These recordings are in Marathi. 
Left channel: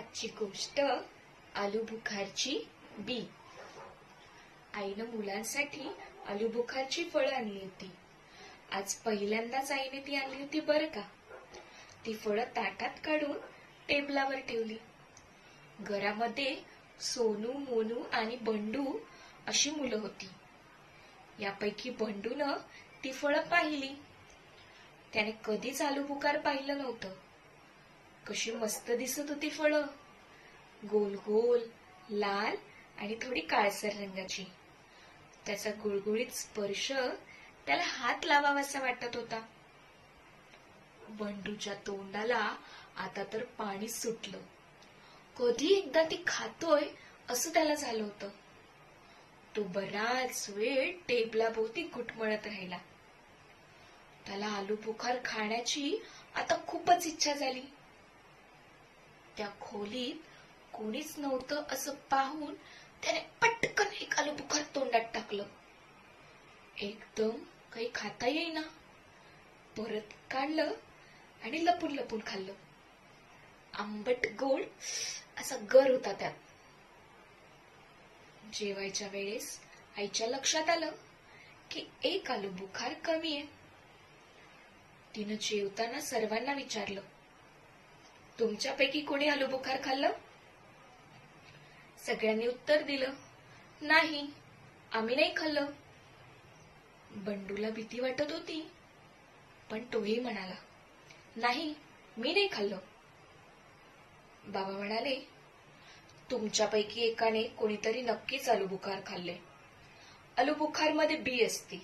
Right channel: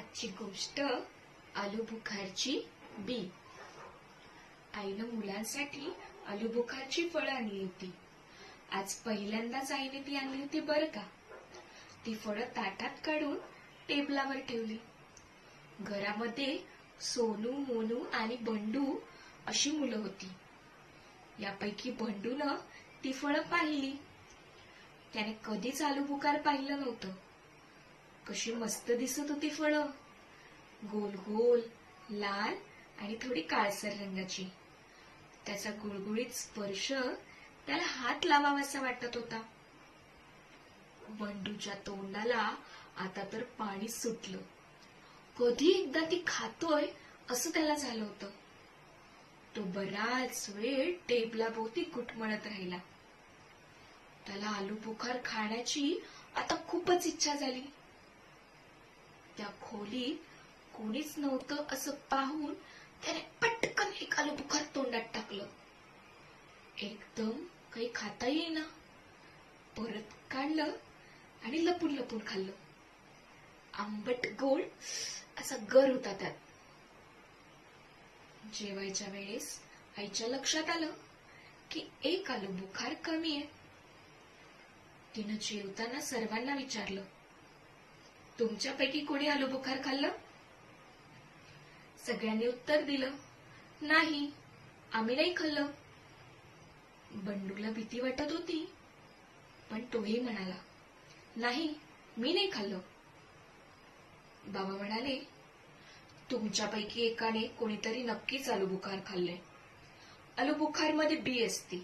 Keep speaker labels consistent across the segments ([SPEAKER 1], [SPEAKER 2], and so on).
[SPEAKER 1] आजची गोष्ट आलू बुखारची बी. आईनं मुलांसाठी आलू बुखारची फळं आणली होती. आज पहिल्यांदाच आईने ती आणली होती बरं का? ती फळं ताटात काढून टेबलावर ठेवली. घरामध्ये सोनू मोनू आणि बंडू अशी मुलं होती. यापैकी बंडून ती फळं पाहिली. त्याने कधीच आलू बुखार पाहिलं नव्हतं. कशी मस्त दिसत होती फळं. गोल गोल लाल आणि थोडी काळसर रंगाची. त्याचा गुळगुळीत स्पर्श त्याला हात लावावासा वाटत होता. बंडूच्या तोंडाला आता तर पाणी सुटलं. कधी एकदा ती खातोय असं त्याला झालं होतं. तो बराच वेळ टेबलाभोवती घुटमळत राहिला. त्याला आलू बुखार खाण्याची आता खूपच इच्छा झाली. त्या खोलीत कोणीच नव्हतं असं पाहून त्याने पटकन एक आलू बुखार तोंडात टाकलं. एकदम काही खाता येईना. परत काढलं आणि लपून लपून खाल्लं. आंबट गोड असा गर होता त्यात. जेवायच्या वेळेस आईच्या लक्षात आलं की एक आलू बुखार कमी आहे. तिनं जेवताना सर्वांना विचारलं तुमच्यापैकी कोणी आलू बुखार खाल्लं? सगळ्यांनी उत्तर दिलं नाही आम्ही नाही खाल्लं. बंडूला भीती वाटत होती पण तोही म्हणाला नाही मी नाही खाल्लं. बाबा म्हणाले तुमच्यापैकी एकाने कोणीतरी नक्कीच आलू बुखार खाल्ले. आलू बुखारमध्ये बी असते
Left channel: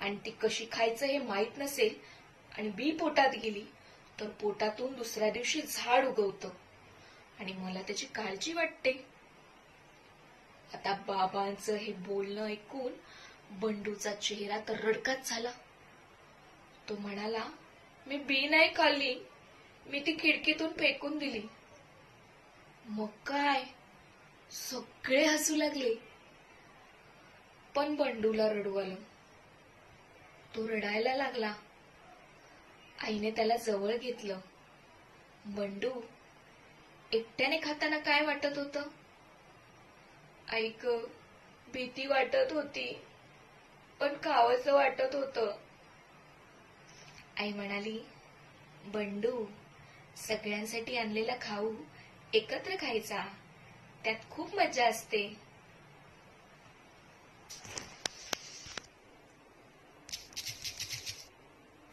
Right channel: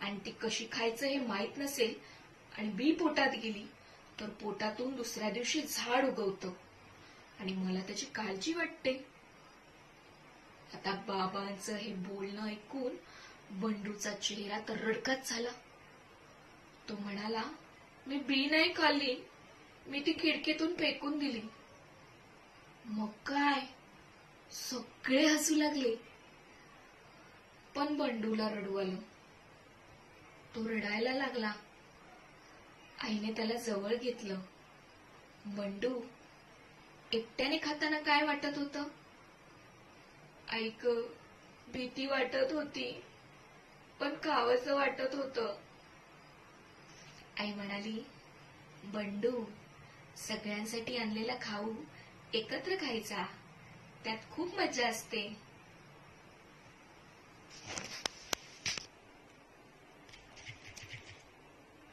[SPEAKER 1] आणि ती कशी खायचं हे माहीत नसेल आणि बी पोटात गेली तर पोटातून दुसऱ्या दिवशी झाड उगवतं. आणि मला त्याची काळजी वाटते. आता बाबांचं हे बोलणं ऐकून बंडूचा चेहरा तर रडकाच झाला. तो म्हणाला मी बी नाही खाल्ली. मी ती खिडकीतून फेकून दिली. मग काय? सगळे हसू लागले. पण बंडूला रडू आलं. तो रडायला लागला. आईने त्याला जवळ घेतलं. बंडू एकट्याने खाताना काय वाटत होत? ऐक भीती वाटत होती पण खावंसं वाटत होत. आई म्हणाली बंडू सगळ्यांसाठी आणलेला खाऊ एकत्र खायचा. त्यात खूप मजा असते.